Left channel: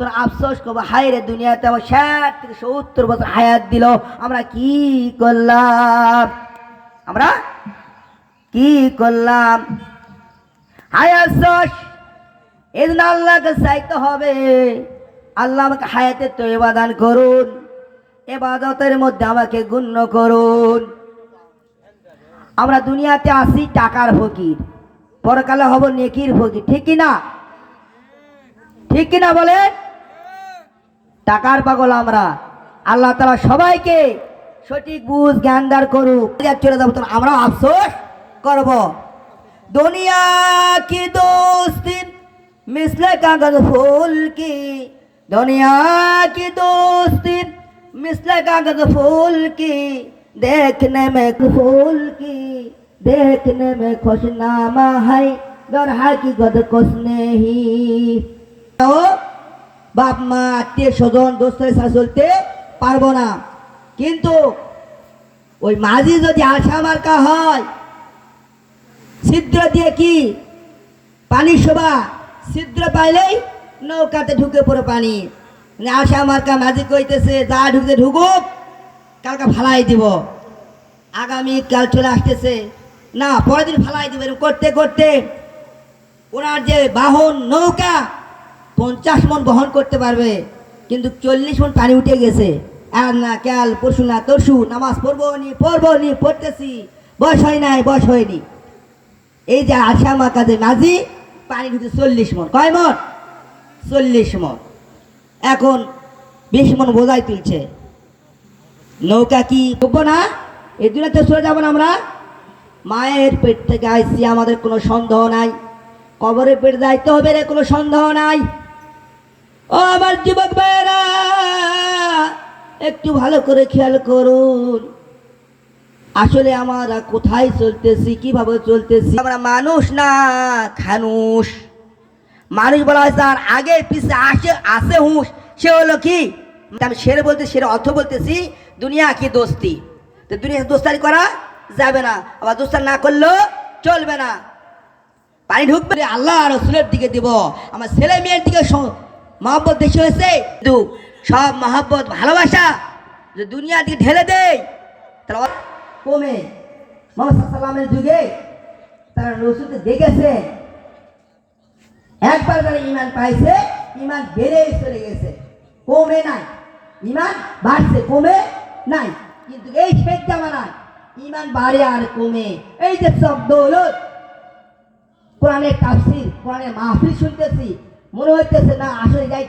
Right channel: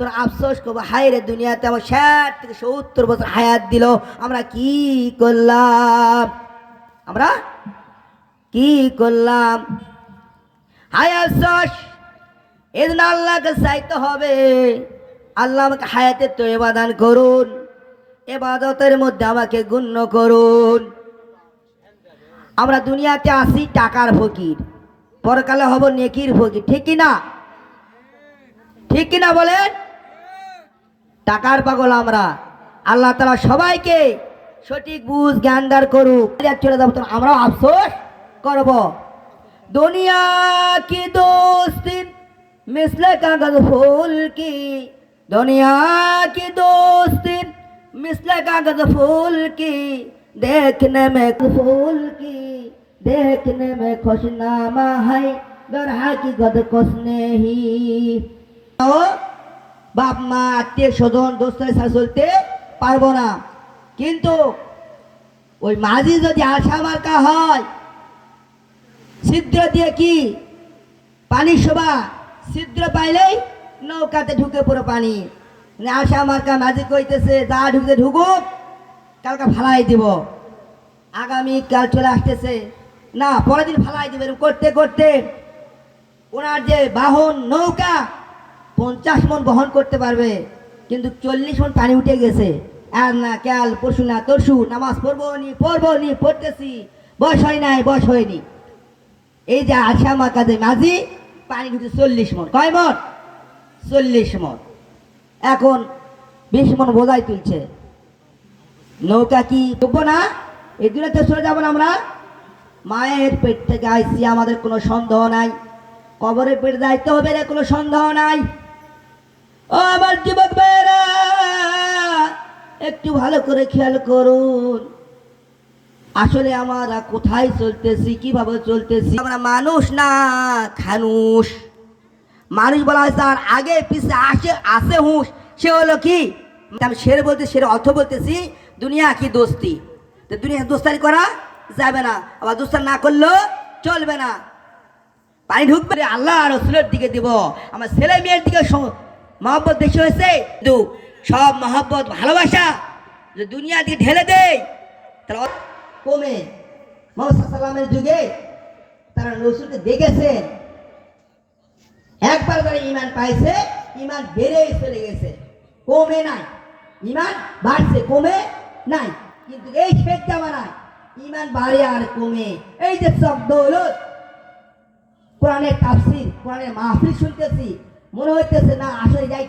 তোর আফসোস করবো, হায় রে দুনিয়াতে আমার 60 থেকে 70 বছর হায়াত দিল, আমরা কি করলাম, আমরা কি করলাম। হায় আফসোস। এদিন আল্লাহকে চাইতে হবে, আল্লাহ আমাকে হায়াতে তয়বা দান করুন, ইবাদতের মধ্যে আমাকে গণ্য করুন। আমরা দুনিয়াতে আসি টাকার ফকির, পরকালে হব নেকির ফকির, ঠিক কিনা, ঠিক কিনা বলেন। টাকার পাগল আমরা, আল্লাহ তাআলা সবাইকে সঠিক বুঝ জ্ঞান দান করুক। চলে যাবো তো আমরাও আফসোস করব। দুনিয়া কি দোস্তি मिसले कागज फूल की, दुनिया की दोस्ती मिसले कागज फूल की, देखने में फूल की देखने में खुशनामा है, घर हकीकत कुछ नहीं। बाप मा आत्मीय स्वजन दोस्तेर साथे चलते पारबो ना, किन्तु ওই মাঝি যদি আশা মার্কা হয়, ছিদ্র দিয়ে কি পানি শোভা, ছিদ্র পাইলেই নৌকাতে ঢুকে পড়ে পানি। আশা মার্কা মাঝি কইতেছে যা ঢুকে ঢুকুক, কালকে ফালাই দিব, আগামী কাল চলে আসতেছে না পরের দিন ফালাই দিব। এরকম করতে করতে ওনার যে বাহন নৌকা 50 মন বহন করতে পারবে, কিন্তু 40 মন পানি উঠে গেছে। আর না কাল পরশু না তরশু নামাজ পড়বো নি পড়তেছি, বয়স হয় নাই বয়স হয়নি। এই যে আশা মার্কা যে মাঝি, পানি ঢুকে 40 মন, কয় মন, 40 মন। এখন 20 মন বোঝাই তুলছে, নৌকা কি ডুববো না, এই দুনিয়াতে চলে যাবো না আমরা। মায়ের পেট থেকে আইসি, আমাদের কোনো সন্দেহ নাই, কবরের পেট যাইতে হবে রে, কোনো সন্দেহ নাই। ও আমার যুবক ভাইয়েরা, একটু ভালো করে খেয়াল করুন, আসলে আমরা কোথায় চলতেছি, কিভাবে চলতেছি। আমরা মানুষ না খানুষ। মানুষ বলা হয় তার আগে পিছে আসে হুঁশ, সে হলো কি, আমি সেরে বলতে সেরে অর্থ বলতেছি দুনিয়া কি দোস্তি। তো দুনিয়া দোস্তারি করা যাবে না, আবার দোস্তার না করলেও চলবে না। পানি ঢুকবে আল্লাহ আর রসুলের দিকে দিব, আমার ছেলে মেয়ের দিকে মহব্বত বেশি হয়েছে, কিন্তু সব মহব্বত ভালোবাসা যে দুনিয়ার দিকে ঢেলে দেয় তারা কমে। মুহাম্মদ সাল্লাল্লাহু যুগে তারা রসুলকে দেখেছে, একবার যারা ইমান পাইছে ইমান বেড়ে চলে গেছে, কমে নাই। ইমান বাড়ছে, কমে নাই। কিন্তু এই শেখ জামানায় ইমান বাড়ে আর কমে। এই যে শব্দ হলো কোরআনের তাফসীর, কোরআনের মাহফিল শুনতেছি, মনে হইতেছে না আসলে যাই